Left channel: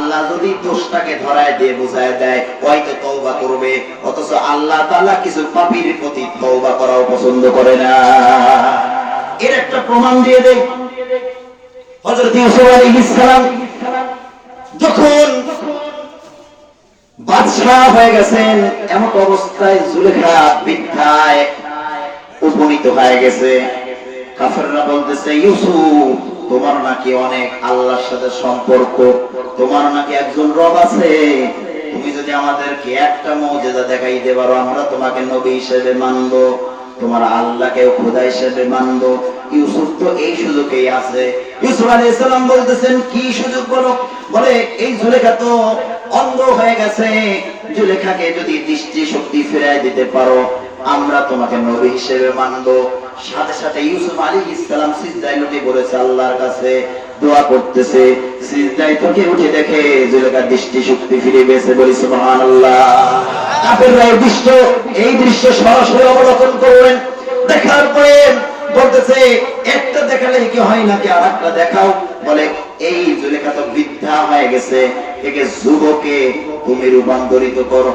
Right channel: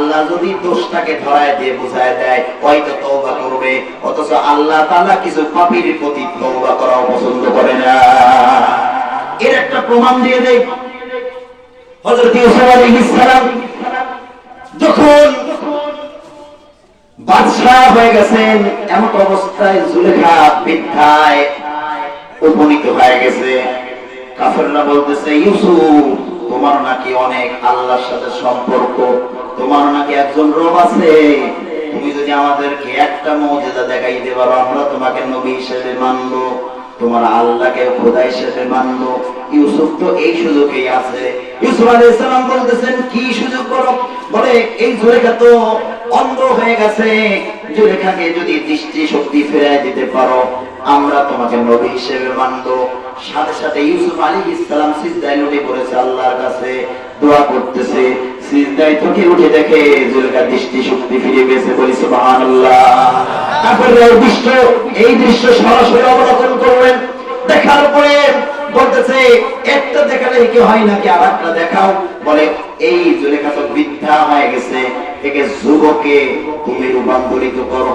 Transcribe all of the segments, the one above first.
আল্লাহ যদি দোষটাকে ধরায় দিয়ে বুঝায় দেয় হয়তো তওবা করবে, অথচ আল্লাহ তাআলা কিছু পাপীর প্রতি তওবা করাও পছন্দ করে না। এর একটা প্রমাণ দিয়ে দেই। হযরত ইউসুফ আলাইহিস সালাম যখন বাদশাহ হয়ে গেছেন, এমন অবস্থায় জুলেখা বৃদ্ধায় উপনীত হয়ে গেছে। কাফেররা বলতেছে, ইউসুফ তোমার নাকি অনেক আল্লাহর সাথে সম্পর্ক, তোমার নাকি একজন রব আছে, তুমি যদি আমাদেরকে একটা মুজিজা দেখাইতে পারো আমরা তোমাকে নবী হিসেবে মানব, তোমার আল্লাহকে খোদা হিসেবে মানব। ইউসুফ তো এই সুযোগেই আছে। ইউসুফ আলাইহিস সালাম বলতেছেন, কি সুযোগ বলো? বলে এই জুলেখা তো অন্ধ হয়ে গেছে, জুলেখাকে যদি দৃষ্টি শক্তি ফিরিয়ে দিতে পারো আমরা তোমাকে নবী হিসেবে মানব। সাথে সাথে ইউসুফ আলাইহিস সালাম সিজদায় লুটে পড়েছে, আল্লাহর কাছে দোয়া করতেছে। সিজদায় থেকে উঠে দেখে জুলেখার দৃষ্টি শক্তি ফিরে গেছে। বলি সুবহানাল্লাহ। কাফেররা এই দৃশ্য সরাসরি অবলোকন করলেন। দেখার পরে বলতেছে, একটা দেখালে কি হয় নাকি আরেকটা দেখাও? বলে এই জুলেখা তো বৃদ্ধা হয়ে গেছে, একে যুবকে তুমি রূপান্তরিত করো।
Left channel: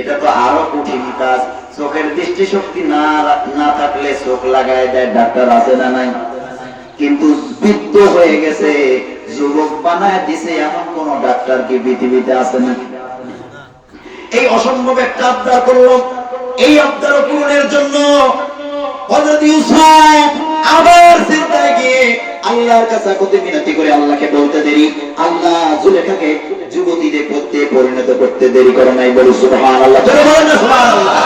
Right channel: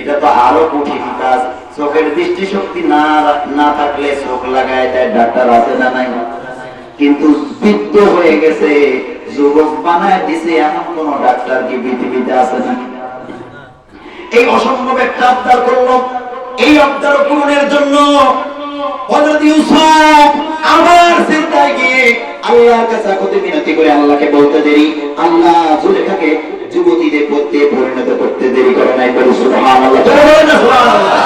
এটা তো আরো কঠিন কাজ। চোখের দৃষ্টি শক্তি না থাকলে চোখ লাগায় দেয়, ডাক্তার আছে না নাই? কিন্তু বৃদ্ধ হয়ে গেছে যুবক বানায় দিছে, এমন কোন ডাক্তার কি পৃথিবীতে আছে নাকি? এই অসম্ভব একটা আবদার করলো। এই আবদার পূরণের জন্য হযরত ইউসুফ আবার চিন্তায় গিয়ে আল্লাহর কাছে কত মিনতি করে আল্লাহকে বলতে দেরি, আল্লাহ জুলেখাকে যুবতীদের পথে পরিণত করতে দেরি করে নাই। বলি সুবহানাল্লাহ। জোরে বলেন না সুবহানাল্লাহ।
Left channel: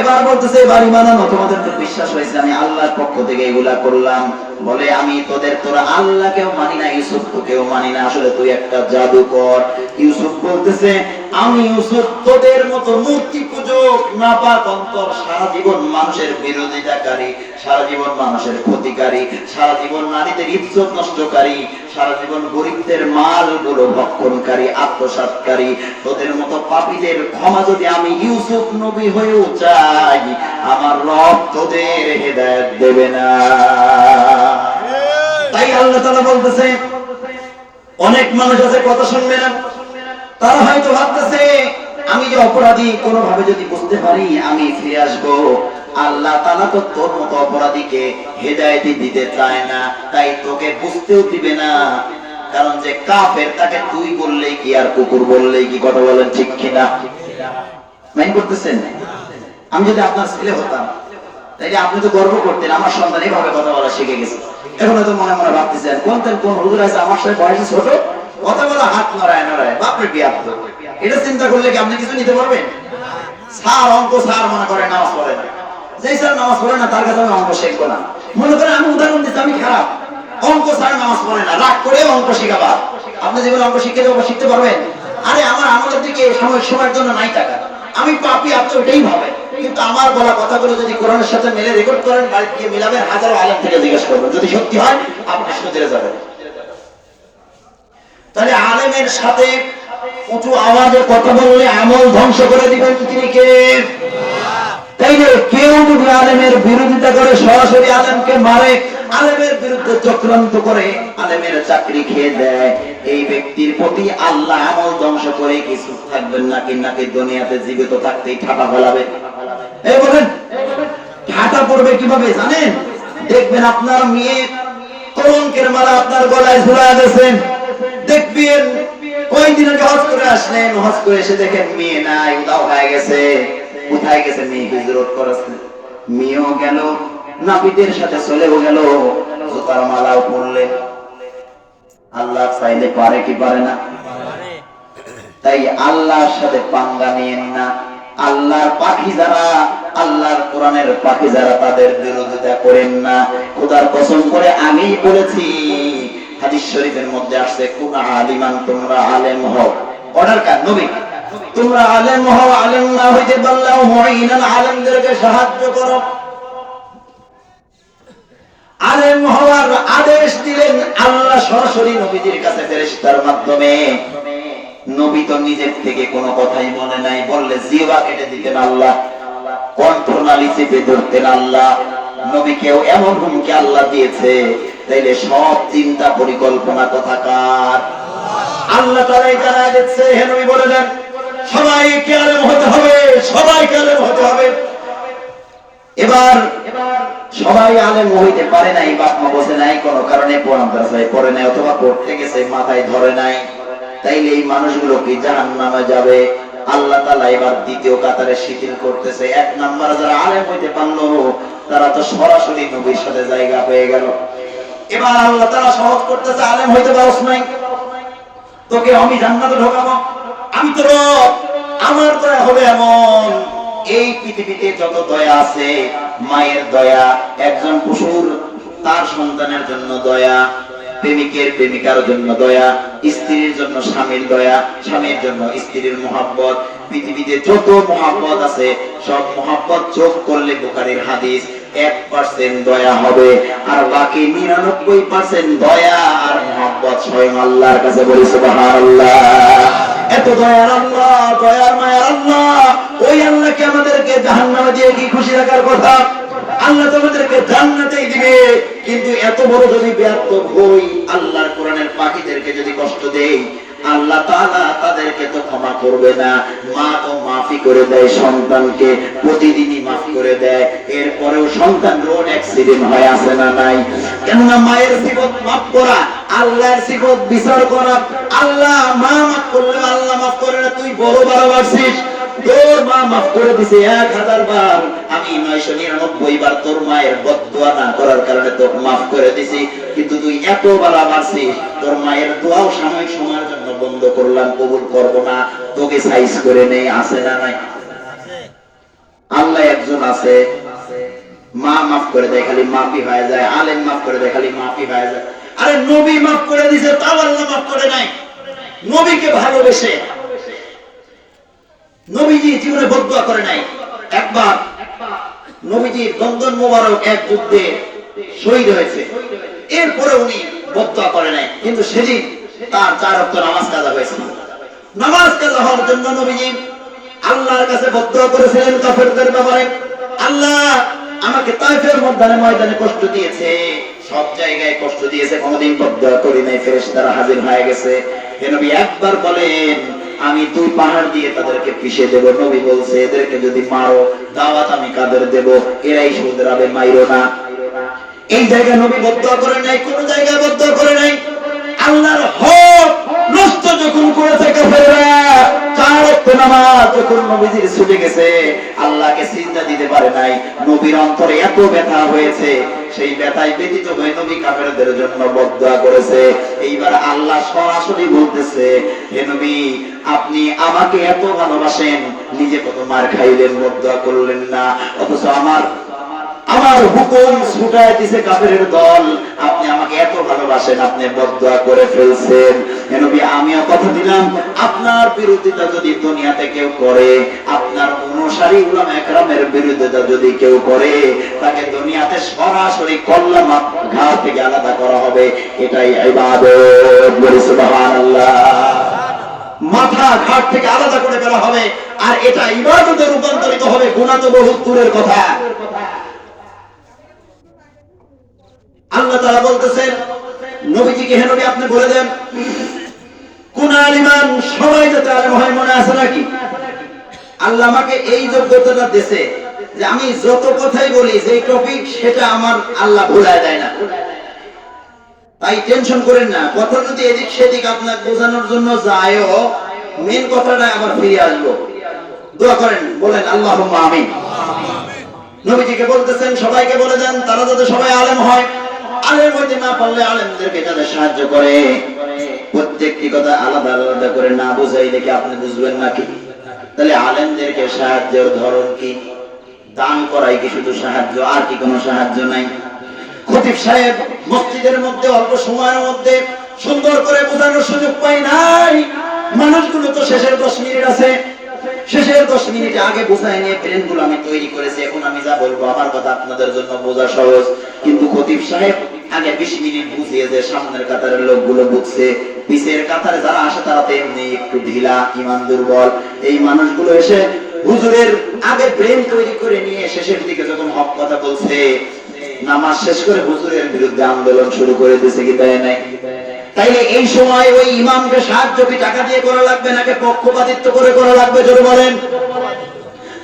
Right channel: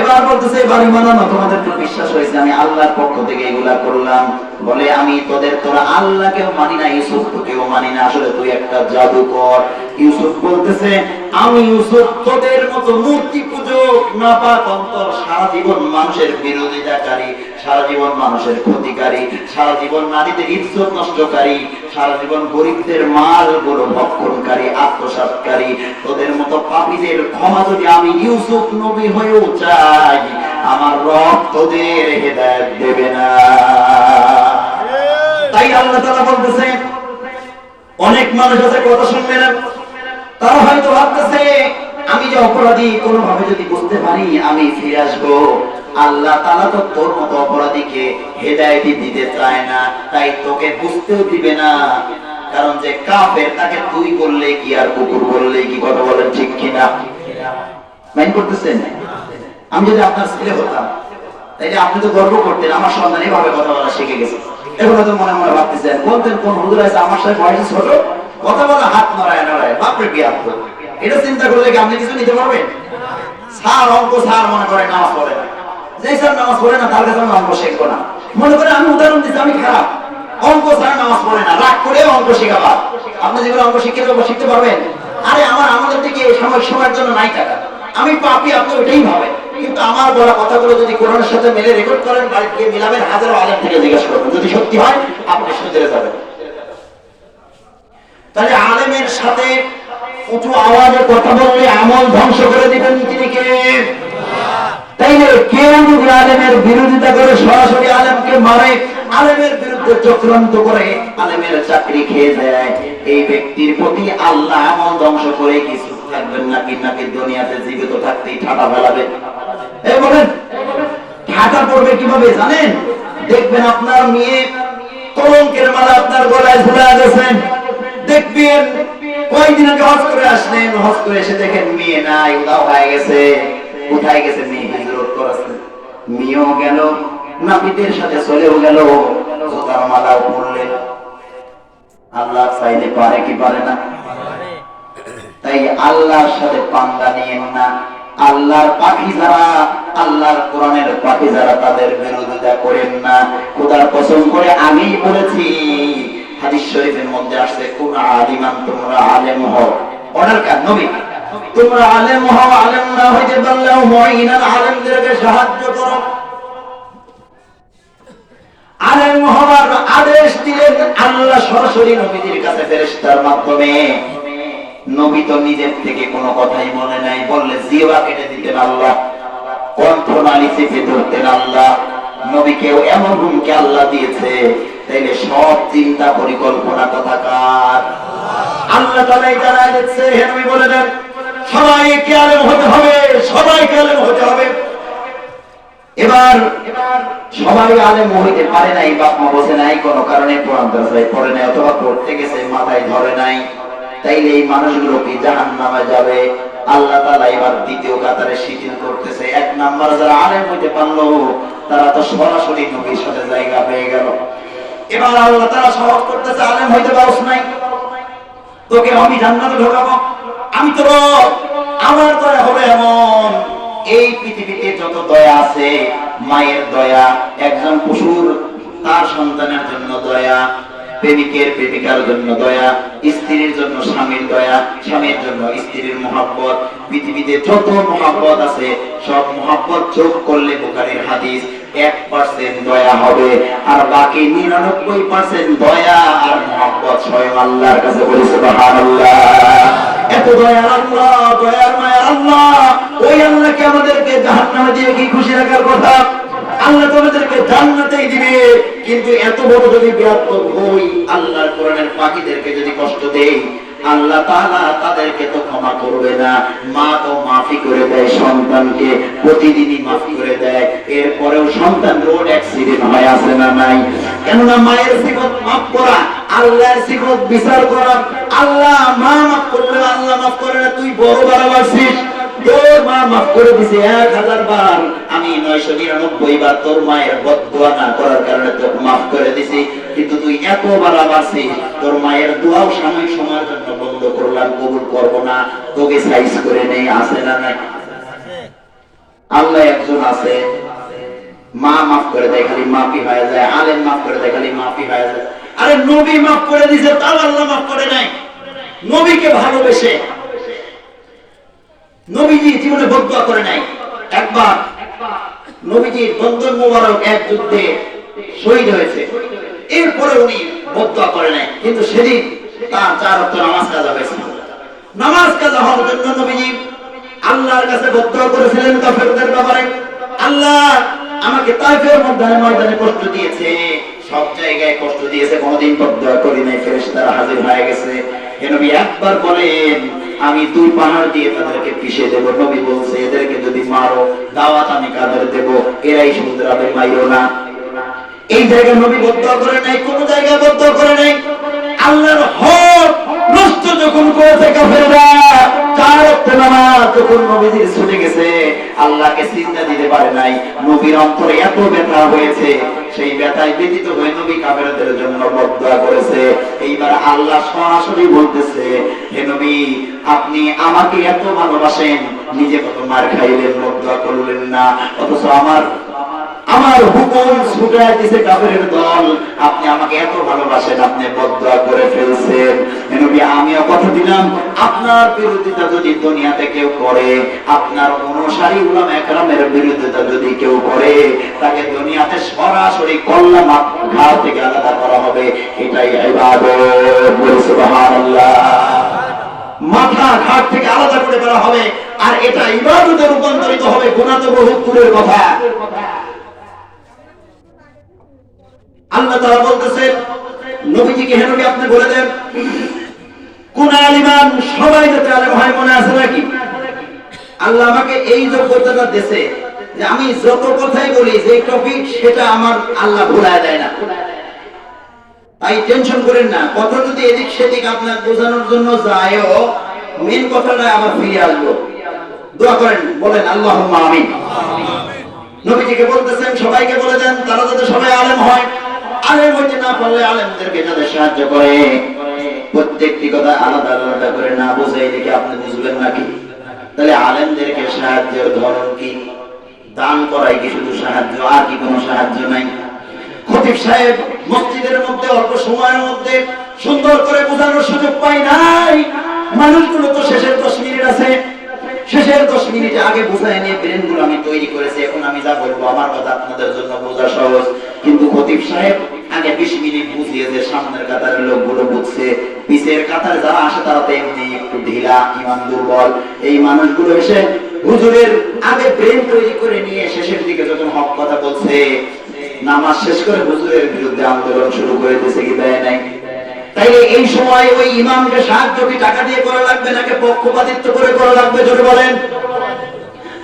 এবার বলতেছে, বাড়ি মানানো তোমাদের তো বিশ্বাস হয়েছে আমি আল্লাহর পক্ষ থেকে এগুলা করলাম। বলে আমি তোরা আল্লাহকেও মানি না, ইউসুফকেও মানি না, আসলে তুই একটা জাদুকর। ইউসুফ বলতেছে, আমি ইউসুফ তোদের মতো মূর্তি পূজক, নাপাক অন্তর, সারা জীবন মানুষের বিরোধিতাকারী, সারা জীবন মানুষের ক্ষতিকারী, সারা জীবন নারীদের ইজ্জত নষ্টকারী, সারা জীবন গরিবদের মাল গুলো ভক্ষণকারী, আত্মসাৎকারী, তোদের মতো পাপীদের ক্ষমা যদি আমি ইউসুফ নবী হয়েও চাই, আমার রব তোদের হেদায়েত দেবে না। তাই আল্লাহ তাআলা বলতেছে, অনেক মানুষ আছে কথা শুনবে না, তারা হয়তো ভাবতেছে আমি যে অপরাধী কোনোভাবে যদি বুঝতে পারি আমি ফিরে আসবো। আল্লাহ তাআলা তো তোর মতো অপরাধীকে হেদায়েত দিতে চায় না, তাই তোকে বুঝতেও দিবে না। কারণ যে কাফের তাকে তুই বললে কি আর কুকুর বললে কি, কথা বলেন ঠিক কিনা? মাইন করতেছেন? আমি যদি আপনার ছেলে হতাম তাইলে আপনি তো গর্ব করতেন আমার সন্তান এইভাবে কথা বলা শিখে গেছে। এখন তো মনে মনে ভাবতেছেন বলতেন কোন হুজুর আছে আমার সাথে বয়সে ছোট, কথা বলা হাত নড়ায় নড়ায়, বাপরে বিয়াত। এটা চিন্তা করলে কি আপনি কিছু নিতে পারবেন? স্যার অঙ্ক স্যার মনে করে নামাজ পড়ে না, যে স্যার নামাজ পড়ে না তার কাছে আমি অঙ্ক শিখবো না। মনে করে আমি উদাহরণ দিচ্ছি, আমি খারাপ, অঙ্ক স্যার নামাজ পড়ে না, রাগ করে অঙ্ক শেখাবা। আপনি যেগুলো অঙ্ক শিখতে পারবেন? আরে আমার আমাদের দিকে সময়ের জন্য নাই টাকা, আমি পাপি, আপনি ওইটাই ভাবেন। কিন্তু আমার বলা কথাগুলো যদি কোরআনের সাথে মিলে রেকর্ড করেন, বাড়িতে মিলাবেন, হাজারো আলেম থেকে জিজ্ঞেস করবেন, যদি সত্যি হয় আপনি শুধরে যাবেন। তাহলে আলেমের সাথে উঁচু আওয়াজে কথা বললে আমল ধ্বংস করে দিবেন তিনি কে? তাইলে কেউ যদি আলেমের বিরোধিতা করে সরাসরি আলেমকে মারে, আলেমের বিরুদ্ধে চক্রান্ত করে আলেমের চাকরি খেয়ে দেয়, এই ব্যক্তির প্রতি আল্লাহ আমল ধ্বংস করে কিছু থাকবেন নাকি দুনিয়াতে জীবিত থাকতেই ঠাটা ফেলাবে। এই বলেন ঠাটা পড়বে কিভাবে জানেন? দেখবেন আপনার মেয়ে কলঙ্কের মালা আপনার গলায় ঝুলা গেছেন, দেখবেন কয়েকদিন আগে হজ করে আসলেন, হজ করে এসে দেখেন মেয়ে নাই, উধাও হয়ে গেছে। কোথায় গেছে মেয়ে? হিজরত করেছে। মেয়েও গেল, নাপিতের সাথে চলেও গেল, জুতার মালাও পরলেন। আল্লাহ চাইলে পারে কি পারে না? তাই আল্লাহর সাথে পাঙ্গা নিয়েন না। আল্লাহর পাখি যারা, আল্লাহর কোরআনের পাখি যারা, তাদের বিরোধিতা করেন না। খোদার কসম করে আগেই বলেছি, হাদিস শরীফের মধ্যে আসছে, কোন আলিমান, তোমরা আলেম হও। অর্ডার কার? নবী। তোমরা আলেম হও, আলেম না হইতে পারলেও মুঈনান, আলেমদেরকে সাহায্য করো। আলেম হওয়ার আদেশ দিলেন আল্লাহ সরাসরি নবীদের কাছে ফেরেশতার মাধ্যমে। নবী তো নিজের থেকে কোনো কথাই বলে নাই, বললে জিহ্বা কেটে দিতেন আল্লাহ, কণ্ঠনালী চেপে ধরতেন আল্লাহ। নবীকেও এমন হুমকি আল্লাহ দিয়েছে, তাইলে সব চিন্তা পরিকল্পনা কথা কার? আল্লাহ তাআলা জানায় দিচ্ছে, হে নবী বলে দেন সবাইকে আলেম হতে হবে, সবাইকে আলেম হতে হবে। এবার সবাই আলেম হইতে পারে নাই, বাপ মা বসে নাই, কোন কারণে কোরআন দর্শায় পড়ে নাই অথবা পড়তে গেছে মাথায় ধরে নাই, তাইলে এই মানুষগুলো কি জাহান্নামে যাবে। আল্লাহ তাআলা এবার দ্বিতীয় কাতারে শিথিল করতেছে, এক নাম্বার যারা আলেম হইতে পারলো তারা তো সরাসরি নবীর সাথে জায়গা পেয়ে গেল। এবার আল্লাহ তাআলা সহজ করতেছে, আলেম হইতে পারছ নাই, তোকে আমি জান্নাতে ঢোকাবো, আমি তো রব, আমার দয়া হবে এমন। এই পৃথিবীতে যত দয়া আছে, মায়ের দয়া, একজন পশুর তার সন্তানের জন্য দয়া, প্রেমিকের প্রেমিকার জন্য দয়া, স্ত্রীর জন্য স্বামীর দয়া, স্বামীর জন্য স্ত্রীর মহব্বত, পৃথিবীতে যত মহব্বত আছে সব মহব্বত যোগ করলে বুখারীর হাদিস 1% দয়া হবে, আর বাকি 99% দয়া আর মহব্বত স্বয়ং আল্লাহর কাছে। বলি সুবহানাল্লাহ। এত দয়ার আল্লাহ, দয়ার মায়ার আল্লাহ, ওই আল্লাহকে আমাদেরকে জাহান্নামে দিয়ে কি খুশি রাখার কথা? আল্লাহ তোমাদেরকে জান্নাতেই দিবে, কিন্তু এত বড় যদি ব্যর্থ হই, আল্লাহর কোরআনের পাখিদেরকে যদি কষ্ট দেই, আল্লাহ তাআলা তাদেরকে তো ক্ষমা করবে না। মা তো মাফি করে দেয় সন্তানকে, প্রতিদিনই মাফ করে দেয়, এরপরেও সন্তান রোড অ্যাক্সিডেন্ট হয় আছে না নাই? কেননা মায়ের সিফত মাফ করা, আল্লাহর সিফত বিচার করা। আল্লাহ মা মাফ করলে আল্লাহ মাফ করে না, তুই বড় বাড়াবাড়ছিস, তোর মা মাফ করে দিছে 1000 বার, আমি 999 বার তোর মায়ের বদদুয়া না করার কারণে তোকে মাফ করে দিছি, কিন্তু তুই এত বাড়াবাড়ছিস, তোর মায়ের দোয়াও সাময়িক সময়ের জন্য বন্ধ করলাম, কবুল করব না, তোকে সাইজ করে নেই, আছে না নাই? আল্লাহ একজন আছে, মা মাফ করে দেয় খালি মাফি হয়ে যায়, আলেম মাফ করে দেয় খালি মাফি হয়ে যায়। আরে নবী মাফ করে দিয়েছে, তাও আল্লাহ মাফ করে নাই। নবীকে ভালোবেসে নবীজি জীবনে বদদুয়া করে নাই। একবার নবীজি বন্ধন মোবারক এক যুদ্ধে শহীদ হয়েছে, এরপরে উনি বদদুয়া করে নাই, কিন্তু সেদিন তার 4 ওয়াক্ত নামাজ কাজা হয়েছে। নামাজ কাজা হওয়ার জন্য নবীজি আল্লাহর কাছে বদদুয়া করেছিলেন কাফেরদের ব্যাপারে, আল্লাহ আমাকে তায়েফের ময়দানে কষ্ট দিয়েছে, সব জায়গায় কষ্ট দিয়েছে, কোনদিন বদদুয়া করি নাই, ফেরেশতারা হাজির হয়ে গেছে। হে নবী একবার বলেন আমি 2 পাহাড় দিয়ে তাদেরকে পিষে দেব। নবী বলছে এদেরকে যদি মারো দাওয়াত আমি কাদের দেব, এরাই শুধরাবে, মাইরো না। এই জায়গায় নবী বদদুয়া করে নাই, কোন জায়গায় বদদুয়া করে নাই। আল্লাহর হক নষ্ট যখন করেছে কাফেররা, 4 ওয়াক্ত নামাজ যখন নবীজির ছুটে গেছে, আল্লাহকে সিজদা দিতে পারে নাই, নবীর অন্তরে এত ব্যথা হয়েছে, সেই ব্যথায় ব্যথিত হয়ে নবী কাফেরদের জন্য বদদুয়া করেছে। এইবার আল্লাহ সরাসরি বলতেছে, হে নবী আপনি আমাকে এত ভালোবাসেন, নিজে কত মার খাইলেন, বদদুয়া করলেন না, অথচ আমার হুকুম ছুটায় দিছে কাফেরের দল, আপনি আমাকে এত ভালোবাসেন, আপনি বদদুয়া করে ফেলছেন। হে নবী আমিও কথা দিলাম, আপনার বিরোধিতা যদি দুনিয়াতে কেউ করে, আপনার অনুসারী উলামা একরামের বিরোধিতা যদি কেউ করে, তাকে দুনিয়াতে সরাসরি কল্লা ঘাট থেকে আলাদা করা হবে, এটাই ইবাদত। বলি সুবহানাল্লাহ। মাথা ঘাট থেকে আলাদা করে করা হবে, আর এটা ইবাদতে রূপান্তরিত হবে। গুনাহ তো বহুত দূরের কথা। আল্লাহ তাআলা বলতেছেন নবীজিকে, হে নবী আপনি বলে দেন কোন আলিমান, সবাই যাতে আলেম হয়, মনে আছে নাকি? আল্লাহ আমাকে এই যোগ্যতাটা দিয়েছে যে আমি যত কথাই বলি, যে টপিক সেটা আমার আল্লাহ ভুলায় দেয় না, তাই টেনশন করেন না। কথা যদি এদিক সেদিক আপনার বোঝানোর জন্য যায়ও, মেন কথাটা আবার ফিরে আসবো। দোয়া করেন, বলেন আল্লাহুম্মা আমিন। নবীজিকে বলতেছেন সবাইকে বলে দেন তারা যাতে সবাই আলেম হয়, আলেম হইতে না পারলে আলেমদেরকে যাতে সাহায্য করে। প্রত্যেকটি কথা আলাদা আলাদা করে না বুঝাইলে কি আপনি বুঝবেন নাকি? তাহলে আলেমদেরকে সাহায্যের ধরন কি? দান করাই কি শুধু সাহায্য, আর কি কোনো সাহায্য নাই? খতিব সাহেব মসজিদের মধ্যে অল্প সময়ের মধ্যে সুন্দর করে বোঝানোর সুযোগ পাই নাই। মানুষগুলো তো শেষের 10 মিনিট আছে, শেষের 10 মিনিটে আগে বোঝায় নিয়ে ব্রেনগুলো আমি তৈরি করেছি, এখন আমি যা বলবো আমার কথা আপনাদের জন্য বোঝা সহজ। কিন্তু খতিব সাহেব আগে 20 মিনিট বুঝিয়ে যে সামনের কাতারের লোকগুলো বুঝছে, পিছের কাতারে যারা আসে তারা তো এমনি একটু ঢিলা, ইমান দুর্বল। এই মানুষগুলো এসে হুজুরের আগে ব্রেন তৈরি করে নিয়ে শেষের দিকে যখন হক কথা বলছে, নামাজ শেষ করে হুজুরের বিরুদ্ধে আন্দোলন শুরু করে দিয়েছে কি দেয় নাই? তাইলে এই সময় ওই ইমামকে সাহায্য কি টাকা দিয়ে করা লাগবে নাকি পক্ষপাতিত্ব করে করা লাগবে? জোরে বলেন।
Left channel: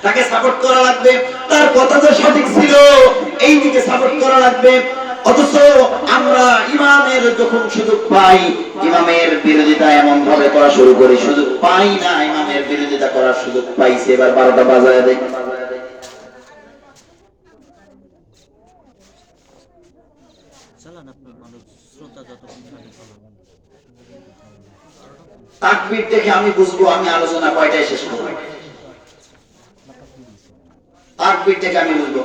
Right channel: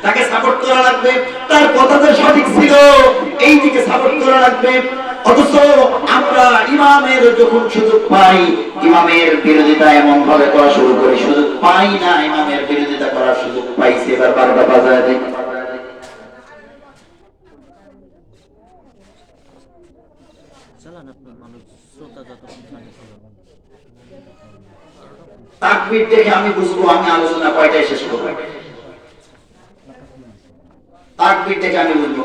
তাকে সাপোর্ট করা লাগবে, তার কথা যে সঠিক ছিল এই দিকে সাপোর্ট করা লাগবে। অথচ আমরা ইমামের যখন সুযোগ পাই ইমামের বিরোধিতা এমন ভাবে করা শুরু করি, সুযোগ পাই না ইমামের বিরোধিতা করার সুযোগ পাইছে, এবার 12টা বাজায় দেয়। তাকবীর দেখে আমি বুঝবো আমি আলোচনা কয়টায় শেষ করব। তাকবীর থেকে আমি বুঝবো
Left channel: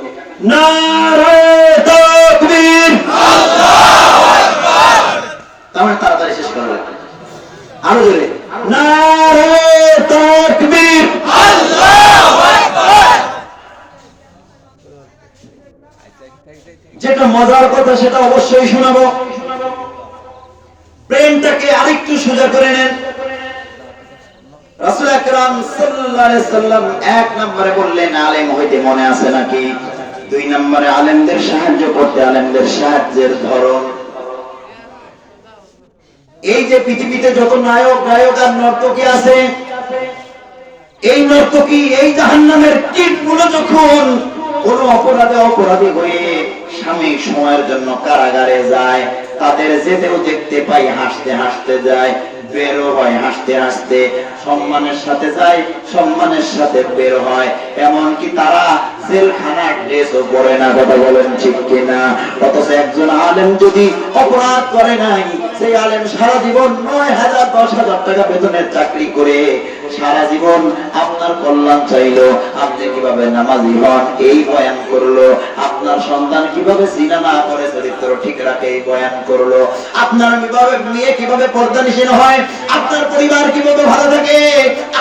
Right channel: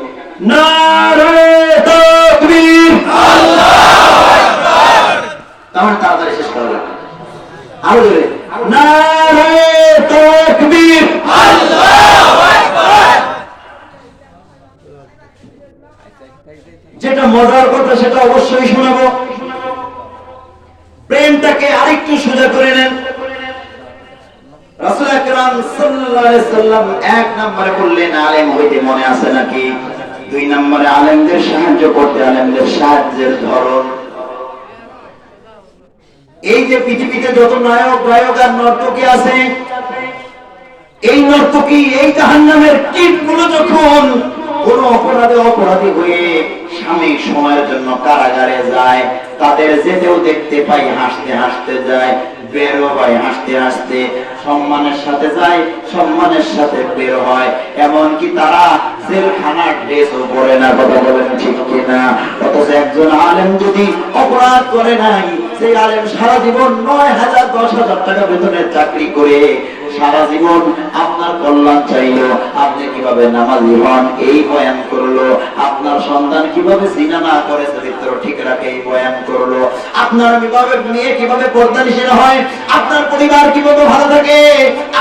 নারে তাকবীর, আল্লাহু আকবার, তাহলে তাড়াতাড়ি শেষ করা লাগবে। আরো জোরে নারে তাকবীর, আল্লাহু আকবার। যেটা মজার কথা সেটা অবশ্যই শোনাবো, ব্রেনটাকে আরেকটু সোজা করে নেন। রাসূল আকরাম সাল্লাল্লাহু আলাইহি সাল্লাম এক নম্বরে বললেন আলেম হইতে মনে আছে নাকি? 2 নম্বরে আলেমদের সাহায্য করতে, আলেমদের সাহায্যের ধরন। এই যে পৃথিবীতে যত নায়ক গায়ক আর নর্তকী আছে, এই নর্তকী এই জাহান্নামের টিপগুলো যখন কোন অপরাধী হয়ে সাময়িক সময়ের জন্য কারাগারে যায়, তাদের যেতেও দেখতে পাই হাসতে হাসতে যায়, বেরো হয় হাসতে হাসতে, সম্মানের সাথে যায়, সম্মানের সাথে বের হয়। এমনকি তারা জেলখানার ড্রেসও পরে না, কথা বলেন ঠিক কিনা? অথচ একজন আলেম যদি অপরাধ করে নাই, সেই আলেম সারা জীবন 9,000 10,000 টাকা বেতনের চাকরি করে সারা জীবন আপনার কল্যাণ চাইলো, আপনি কিভাবে নামাজি হন এই বয়ান করলো, আপনার সন্তান কিভাবে জিনা না করে চরিত্র ঠিক রাখে এই বয়ান করলো, আপনার মেয়ে কিভাবে পর্দানিশীল হয়, আপনার পরিবার কিভাবে ভালো থাকে,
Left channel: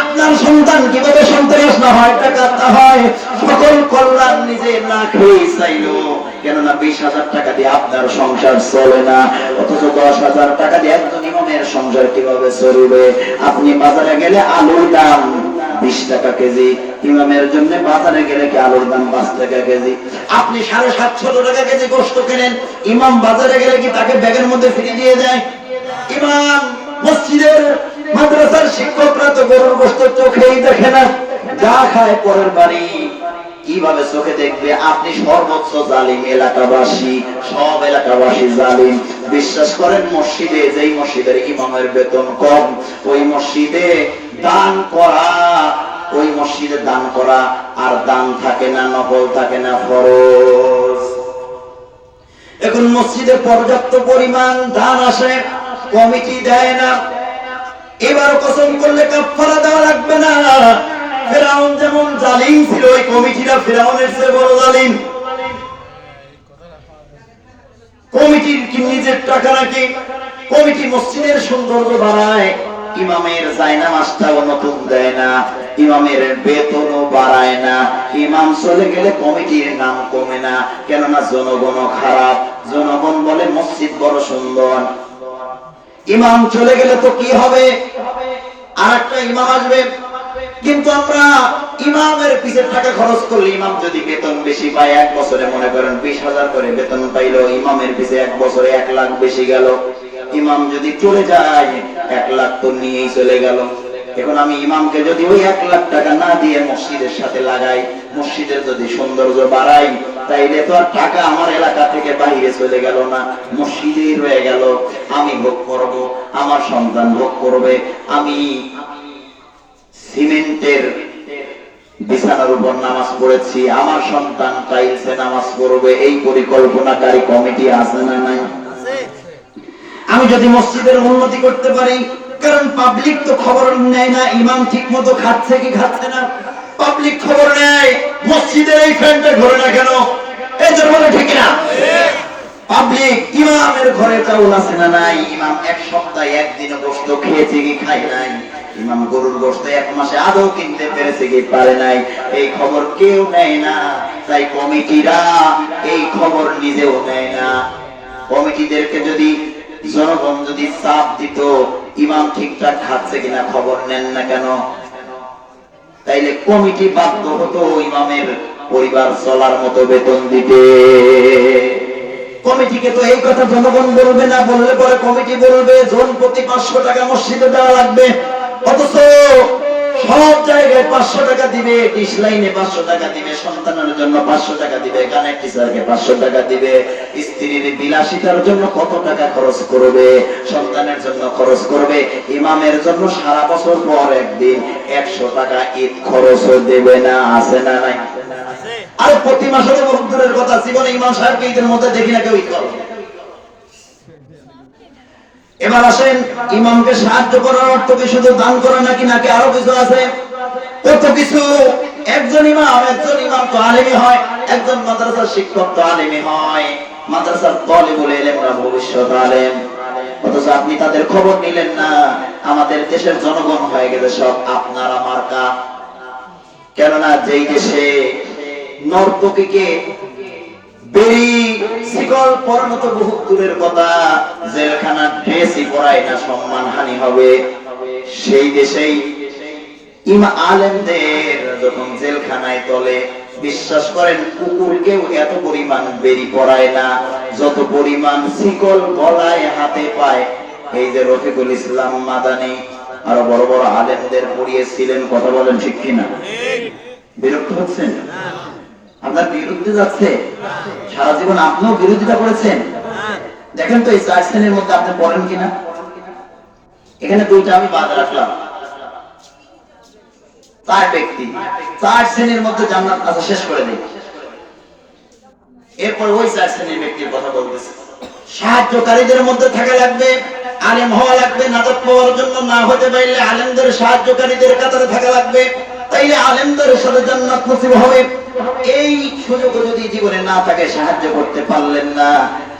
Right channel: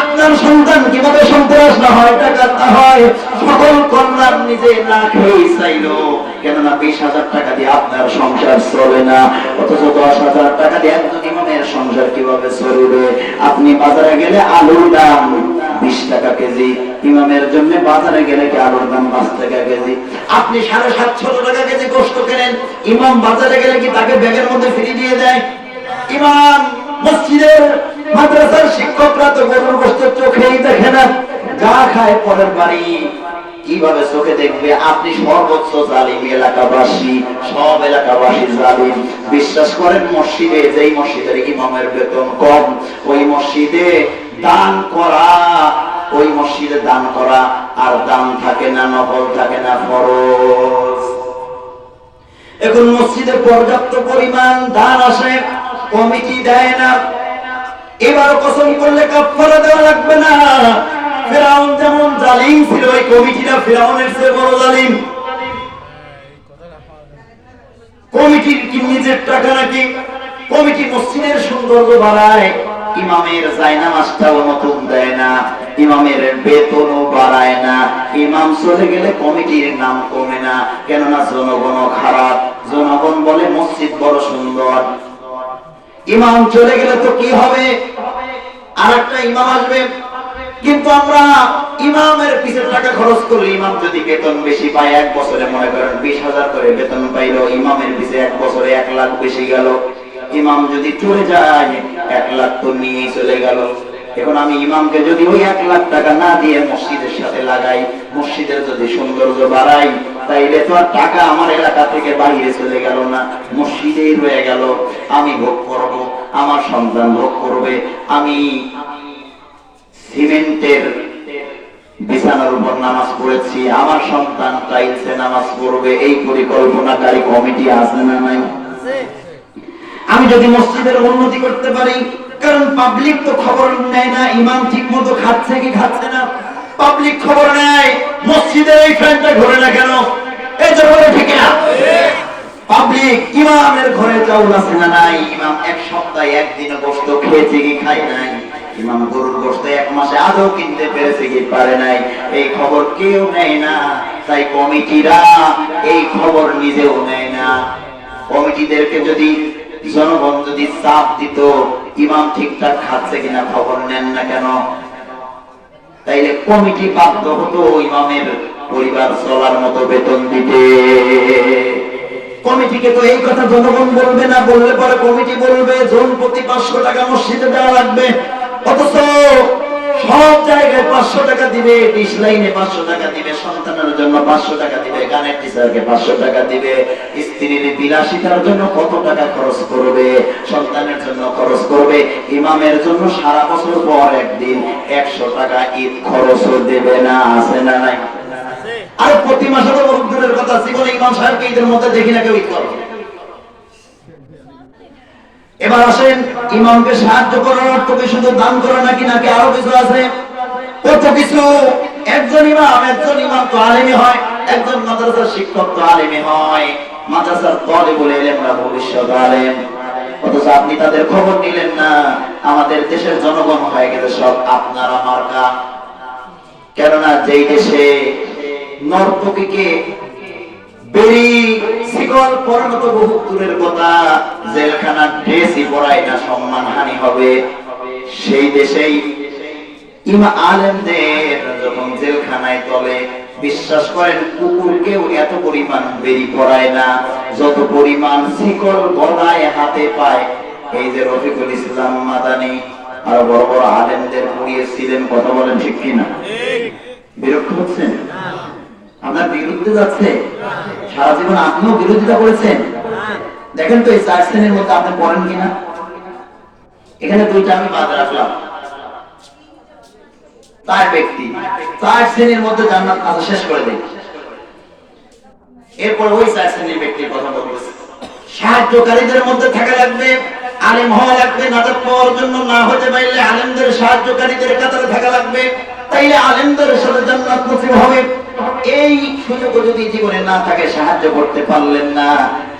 আপনার সন্তান কিভাবে সন্ত্রাস না হয়, ডাকাত না হয়, সকল কল্যাণ নিজে না খেয়ে চাইলো। কেননা 20,000 টাকা দিয়ে আপনার সংসার চলে না, অথচ 10,000 টাকা দিয়ে একজন ইমামের সংসার কিভাবে চলবে? আপনি বাজারে গেলে আলুর দাম 20 টাকা কেজি, ইমামের জন্য বাজারে গেলে কি আলুর দাম 5 টাকা কেজি? আপনি 750 টাকা কেজি গোশত কেনেন, ইমাম বাজারে গেলে কি তাকে ব্যাগের মধ্যে ফ্রি দিয়ে দেয়? ইমাম মসজিদের মাদ্রাসার শিক্ষকরা তো গরুর গোশত চোখেই দেখে না, যা খায় পরের বাড়ি কিভাবে চোখে দেখবে? আপনি সর্বোচ্চ জালিম এলাকাবাসী, সব এলাকাবাসী জালিম। বিশ্বাস করেন মসজিদে, যেই মসজিদের ইমামের বেতন কম, ওই মসজিদে দান করা, ওই মসজিদে দান করা আর দান থাকে না, নফল থাকে না, ফরজ। এখন মসজিদে পর্যাপ্ত পরিমাণ দান আসে, কমিটি দেয় না। এবার কসম করলে কাফারা দেওয়া লাগবে না। ফেরাউন যেমন জালিম ছিল, এই কমিটিরা ফেরাউনের চেয়ে বড় জালিম। কমিটির কি নিজের টাকা নাকি? কমিটি মসজিদের সৌন্দর্য বাড়ায়, ইমামের জায়নামাজটাও নতুন দেয় না, ইমামের বেতনও বাড়ায় না। ইমাম চলে গেলে কমিটির নাম কমে না, কেননা জনগণ খারাপ, জনগণ বলে মসজিদ বড় সুন্দর। ইমাম চলে গেলে তো কি হবে? আরেকটা ইমাম আসবে। কিন্তু আমরা ইমামের পিছে টাকা খরচ করলে, ইমাম যদি বেতন বেশি পায়, 1 বছরে মনে করেন 20,000 করে বেতন পাইলো, ইমামের পিছে 1 বছরে 1 লাখ বেশি গেল। ইমাম যদি চলে যায় 1 লাখ তো নিয়েই চলে গেল। এখন আমি ইমামকে যদি ওই 1 লাখ টাকা না দিয়ে মসজিদের সাথে লাগাই, মসজিদের যদি সৌন্দর্য বাড়াই, তাইলে তো আর টাকা আমার এলাকা থেকে বাইরে চলে গেল না, মসজিদেই রয়ে গেল। আমি ভোগ করব, আমার সন্তান ভোগ করবে। আমি সিমেন্টের বিছানার উপর নামাজ পড়েছি, আমার সন্তান টাইলসে নামাজ পড়বে, এই পরিকল্পনাকারী কমিটি আছে না নাই? আমি যদি মসজিদের উন্নতি করতে পারি, কারণ পাবলিক তো খবর নেয় না ইমাম ঠিক মতো খাচ্ছে কি খাচ্ছে না, পাবলিক খবর নেয় মসজিদের এই ফ্যানটা ঘুরে না কেন, এই যে বলে ঠিক না? পাবলিক ইমামের ঘরে চাউল আছে না নাই, ইমাম 1 সপ্তাহে 1 দিনও গোশত খেয়েছে কি খায় নাই, ইমাম গরুর গোশত 1 মাসে আদৌ কিনতে পেরেছে কি পারে নাই, এই খবর কেউ নেয় না। তাই কমিটিরা এই খবর নিজেও নেয় না। কমিটিদেরকে যদি জনগণ যদি চাপ দিত ইমাম ঠিকঠাক খাচ্ছে কিনা খবর নেন না কেন, তাইলে কমিটি বাধ্য হতো ইমামের পরিবার চলার মতো বেতন দিতে। কমিটিকে তো এই কথা জনগণ বলবে না, বললে পরে কমিটি বলবে জন প্রতি 500 টাকা মসজিদে দেওয়া লাগবে। অথচ সব জায়গায় 500 টাকা দিবে, ডিশ লাইনে 500 টাকা দিবে, সন্তানের জন্য 500 টাকা দিবে, গানের টিচারকে 500 টাকা দিবে, স্ত্রীর বিলাসিতার জন্য কত টাকা খরচ করবে, সন্তানের জন্য খরচ করবে, ইমামের জন্য সারা বছর পর একদিন 100 টাকা ঈদ খরচও দেবে না। আছে না নাই? আর প্রতি মাসে তো বহুত দূরের কথা, জীবনে ইমাম সাহেবকে ঈদের মধ্যে দেখি না কেউ ঈদ করে। এবার আসেন, ইমামকে সাহায্য করার অর্থ কি শুধু দান করা নাকি, নাকি আরো কিছু আছে? কত কিছু। একজন ইমাম তো আলেমই হয়, একজন মাদ্রাসার শিক্ষক তো আলেমই হয়, মাদ্রাসার তালিবুল ইলমরা ভবিষ্যৎ আলেম। অথচ আপনি তাদের খবর নিলেন না। আমাদের দেশের জনগণ হয়ে গেছে সব আপনার আমার কা। কেননা যেই দেশে নর্তকীকে বেরি শিকল পরানো তো বহুত দূরের কথা, জেলখানার ড্রেসই পরায় না সম্মান হানি হবে, সেই দেশেই ইমাম আলেমদের যখন জেলখানায় তলে, বিশ্বাস করেন কুকুরকেও এত পরিমাণ বেরি পরায় না যত পরিমাণ শিকল গলায় হাতে পায়। এই যে রফিকুল ইসলাম মাদানী আর বড় বড় আলেমদের পড়িয়েছিলেন, কথা বলেন ঠিক কিনা? বিরক্ত হচ্ছেন? আপনার বিরুদ্ধে যাচ্ছে? সারা জীবন আপনিও বিরোধিতা করেছেন। দেখেন তো এই 4 শ্রেণীর মধ্যে আপনি পড়েন কিনা। এখানে দুইটা আমি বাদ রাখলাম। 4 ব্যক্তি 4 শ্রেণীর মধ্যে জান্নাত আছে, শেষ করে দেই। এরপর ওই 4 শ্রেণীর ব্যক্তির কথা বলতেছি। সাহায্যকারীদের মধ্যে থাকা লাগবে, আলেম হওয়া লাগবে, নাজাত পাওয়ার জন্য না হতে পারলে আলেমদের সাহায্যকারীদের কাতারে থাকা লাগবে, তাইলে আলেমদের সাথে জান্নাত নসিব হবে। এই সুযোগ যদি জীবনে না থাকে, সাহায্য করতে পারলেন না,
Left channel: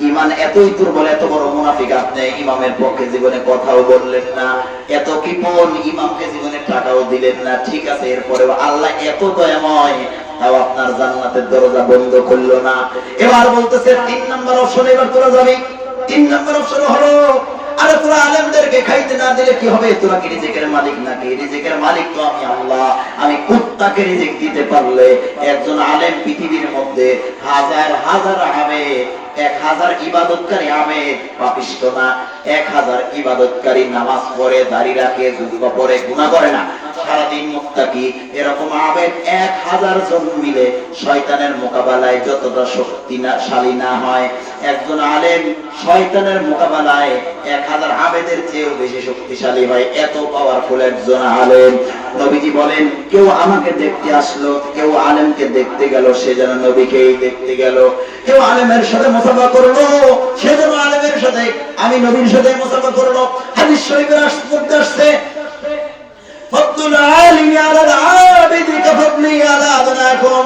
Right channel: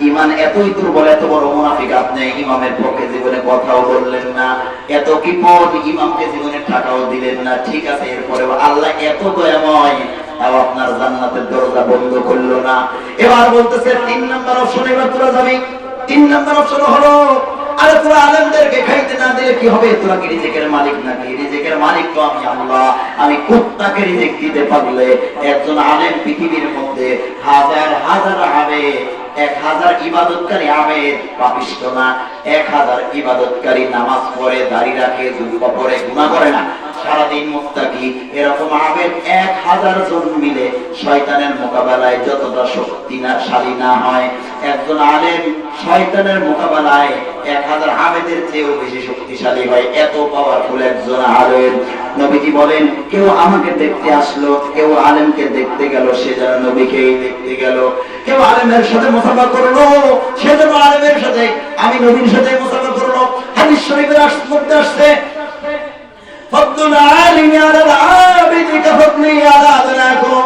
ঈমান এতই দুর্বল, এত বড় মুনাফিক আপনি, ইমামের পক্ষে জীবনে কথাও বললেন না, এত কিপট, ইমামকে জীবনে টাকাও দিলেন না, ঠিক আছে, এরপরে আল্লাহ এত দয়াময়, তাও আপনার জান্নাতের দরজা বন্ধ করলো না। এবার বলতেছে 3 নাম্বার অপশন, এবার তোরা যাবি। 3 নাম্বার অপশন হলো, আরে তোরা আলেমদেরকে খাইতে না দিলে কি হবে? তোরা কি রিজিকের মালিক নাকি? রিজিকের মালিক তো আমি আল্লাহ। আমি কুত্তাকে রিজিক দিতে পারলে, একজন আলেম পৃথিবীর মধ্যে হাজার হাজার আবেদ, 1000 ইবাদতকারী আবেদ পাপিষ্ঠ না, 1000 ইবাদতকারী নামাজ পড়ে, দাড়ি রাখে, যুবা পড়ে, গুনাহ করে না, সারাদিন মুত্তাকি, এরকম আবেদ 1000 জন মিলে শয়তানের মোকাবেলায় যতটা শক্তিশালী না হয়, একজন আলেম শয়তানের মোকাবেলায় 1000 আবেদের চেয়েও বেশি শক্তিশালী হয়। এত পাওয়ারফুল একজন আলেম। নবীজি বলেন, কেউ আমাকে দেখতে আসলো, কেউ আলেমকে দেখতে গেল, সে যেন নবীকেই দেখতে গেল। কেউ আলেমের সাথে মুসাফা করলো, সে যেন আলেমের সাথে, আমি নবীর সাথে মুসাফা করলো। হাদিস শরীফের মধ্যে আসছে, ফাদলুল আলিমি আলাল আবিদি কাফদলি আলা আদনাকুম।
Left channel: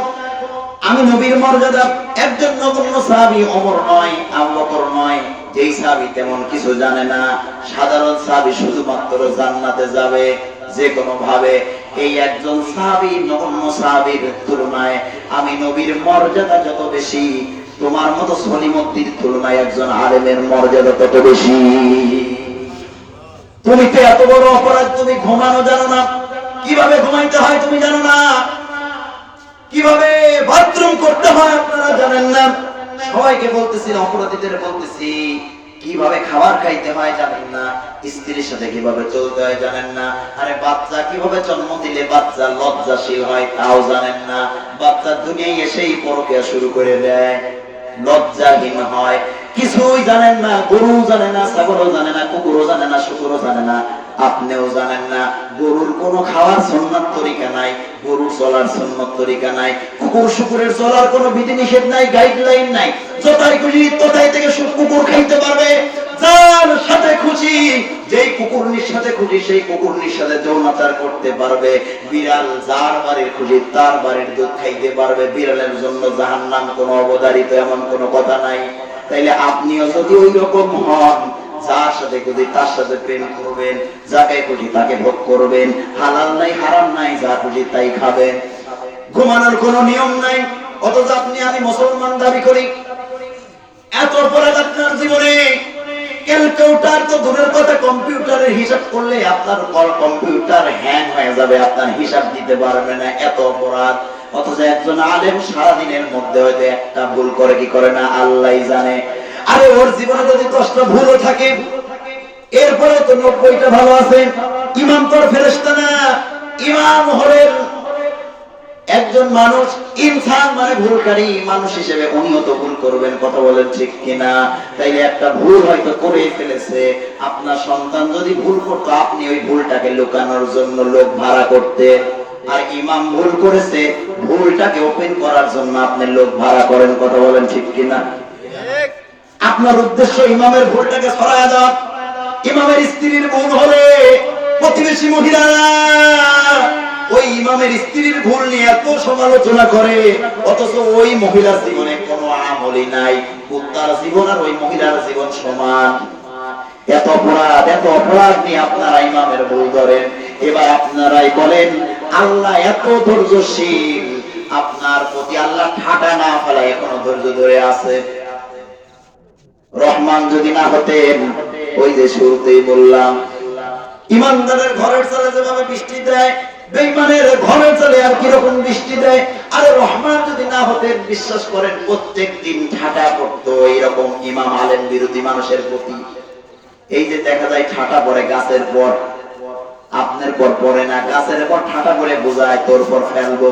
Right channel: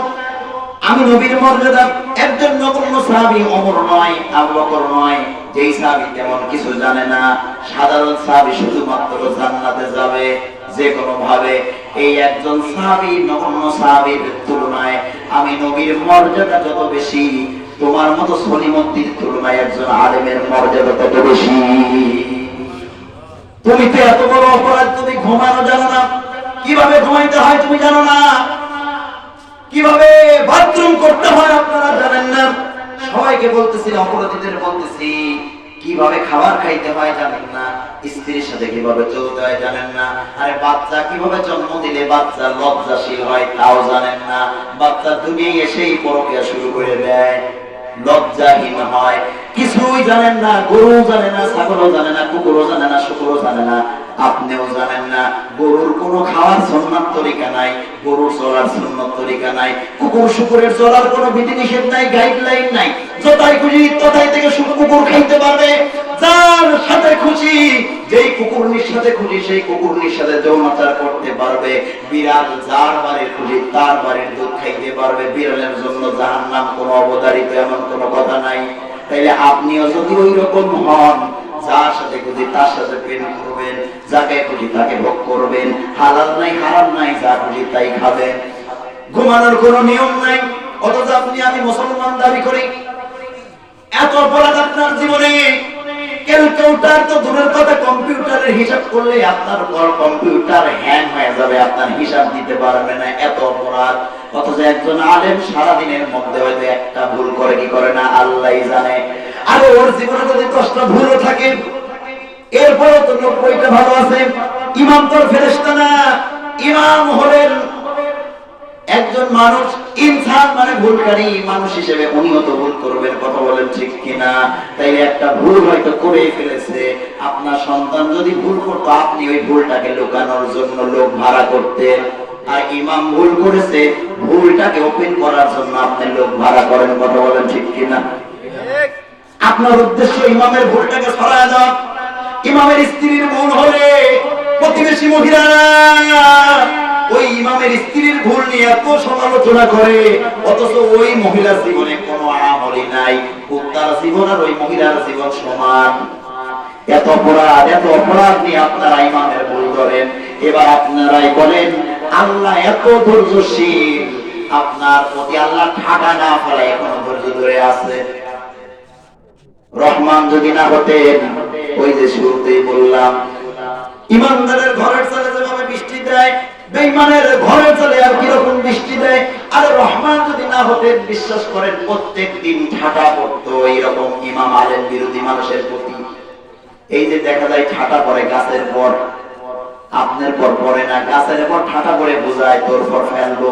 আমি নবীর মর্যাদা একজন নগণ্য সাহাবী ওমর নয়, আবু বকর নয়, যেই সাহাবী তেমন কিছু জানে না, সাধারণ সাহাবী শুধুমাত্র জান্নাতে যাবে যে কোনো ভাবে। এই একজন সাহাবী নগণ্য সাহাবীর তুলনায় আমি নবীর মর্যাদা যত বেশি, তোমার মতো সলিমুদ্দিন তুলনায় একজন আলেমের মর্যাদা তত বেশি। তুমি তো এত বড় অপরাধ, তুমি ঘুমানো জানো না, কিভাবে ঘুমাইতে হয় তুমি জানো না, কিভাবে বাথরুম করতে হয় আপনারা জানেন না। সবাইকে বলতেছি, অপরাধীদের বলতেছি, কিভাবে খাবার খাইতে হয় জানেন না, স্ত্রীর সাথে কিভাবে চলতে হয় জানেন না। আরে বাচ্চা কিভাবে জন্ম দিলে বাচ্চা লজ্জাশীল হয় তাও জানেন না। বাচ্চা দুনিয়ায় এসেই পরকিয়া শুরু করে দেয়, লজ্জাহীন হয়, কিছুই জানেন না। গরু জানে না, ছাগলও জানে না, কুকুরও জানে না, শুকুরও জানে না, আপনিও জানেন না। গরুর কোনো খাওয়ার সুন্নাত তরিকা নাই, গরুর চলার সুন্নাত তরিকা নাই, কুকুর শুকুরের চলার কোনো বিধিনিষেধ নাই, গাইডলাইন নাই। যতাই খুশি ততাই থেকে কুকুর খাইতে পারবে, যার সাথে খুশি, যেই কুকুরনির সাথে খুশি সেই কুকুরনির সাথে যৌনাচার করতে পারবে। বিড়াল যার বাড়ির খুশি তার বাড়ির দুধ খাইতে পারবে। বিড়ালের জন্য জাহান্নাম কোনো অবধারিত এমন কোনো কথা নাই। তাইলে আপনিও যদি ওই রকম হন, যার সাথে খুশি তার সাথে প্রেম করবেন, যাকে খুশি তাকে ভোগ করবেন, হালাল নাই হারাম নাই, যা খুশি তাই খাবেন, ঘুমানোর কোনো নিয়ম নাই। অথচ আপনি আমি মুসলমান দাবি করি, এত অপরাধ আপনার জীবনে। ক্যালকুলেটর তো দূরের কথা, কম্পিউটারের হিসাব করলে আপনার কম্পিউটার হ্যাং হয়ে যাবে, আপনার হিসাব দিতে পারবে না, এত অপরাধ। অথচ একজন আলেম সারাদিনের মধ্যে হয়তো একটা ভুল করে কি করে না আল্লাহই জানে। আরে ওর জীবনে যদি 10টা ভুলও থাকে এরপরেও তো 90টা ভালো আছে। ইমাম তোর ফেরেশতা না, ইমাম হলেন একজন মানুষ, ইনসান মানে ভুলকারী মানুষ হিসেবে উনিও তো ভুল করবেন, কথা বলেন ঠিক কিনা? তাইলে একটা ভুল হয়তো করে ফেলেছে, আপনার সন্তান যদি ভুল করতো আপনি ওই ভুলটাকে লুকানোর জন্য লোক ভাড়া করতেন, আর ইমাম ভুল করেছে ভুলটাকে ওপেন করার জন্য আপনি লোক ভাড়া করেন, কথা বলেন ঠিক কিনা? আপনার উদ্দেশ্য ইমামের ভুলটাকে সরায় দাও। ইমামের স্ত্রীর ভুল হলে প্রতিবেশী মহিলারা ওই ইমামের স্ত্রীর ভুল নিয়ে এত সমালোচনা করে, অথচ ওই মহিলার জীবনে কোনো আমলই নাই। কুত্তার জীবন আর ওই মহিলার জীবন সমান। এত অপরাধ নিয়ে আপনারা ইমামের ভুল করেন। এবার আপনারাই বলেন, আল্লাহ এত ধৈর্যশীল, আপনার প্রতি আল্লাহ ঠাডা না ফেলায় এখনো ধৈর্য ধরে আছে। রহমান যদি না হতেন, ওই যে শুরুতেই বললাম, ইমানদারের ঘরের চালে যেভাবে বৃষ্টি দেয়, বেঈমানের ঘরের চালে আর কিরকম বৃষ্টি দেয়। আরে রহমান যদি না হতেন, বিশ্বাস করেন প্রত্যেক দিন ঠাটা পড়তো এরকম ইমাম আলেম বিরোধী মানুষের প্রতি। এই যে দেখা যায় ঠাটা পড়ে গাছের পর, আপনার পর পড়ে না, গাছের পর ঠাটা পড়ে বোঝায় তোর পর ফেলবো,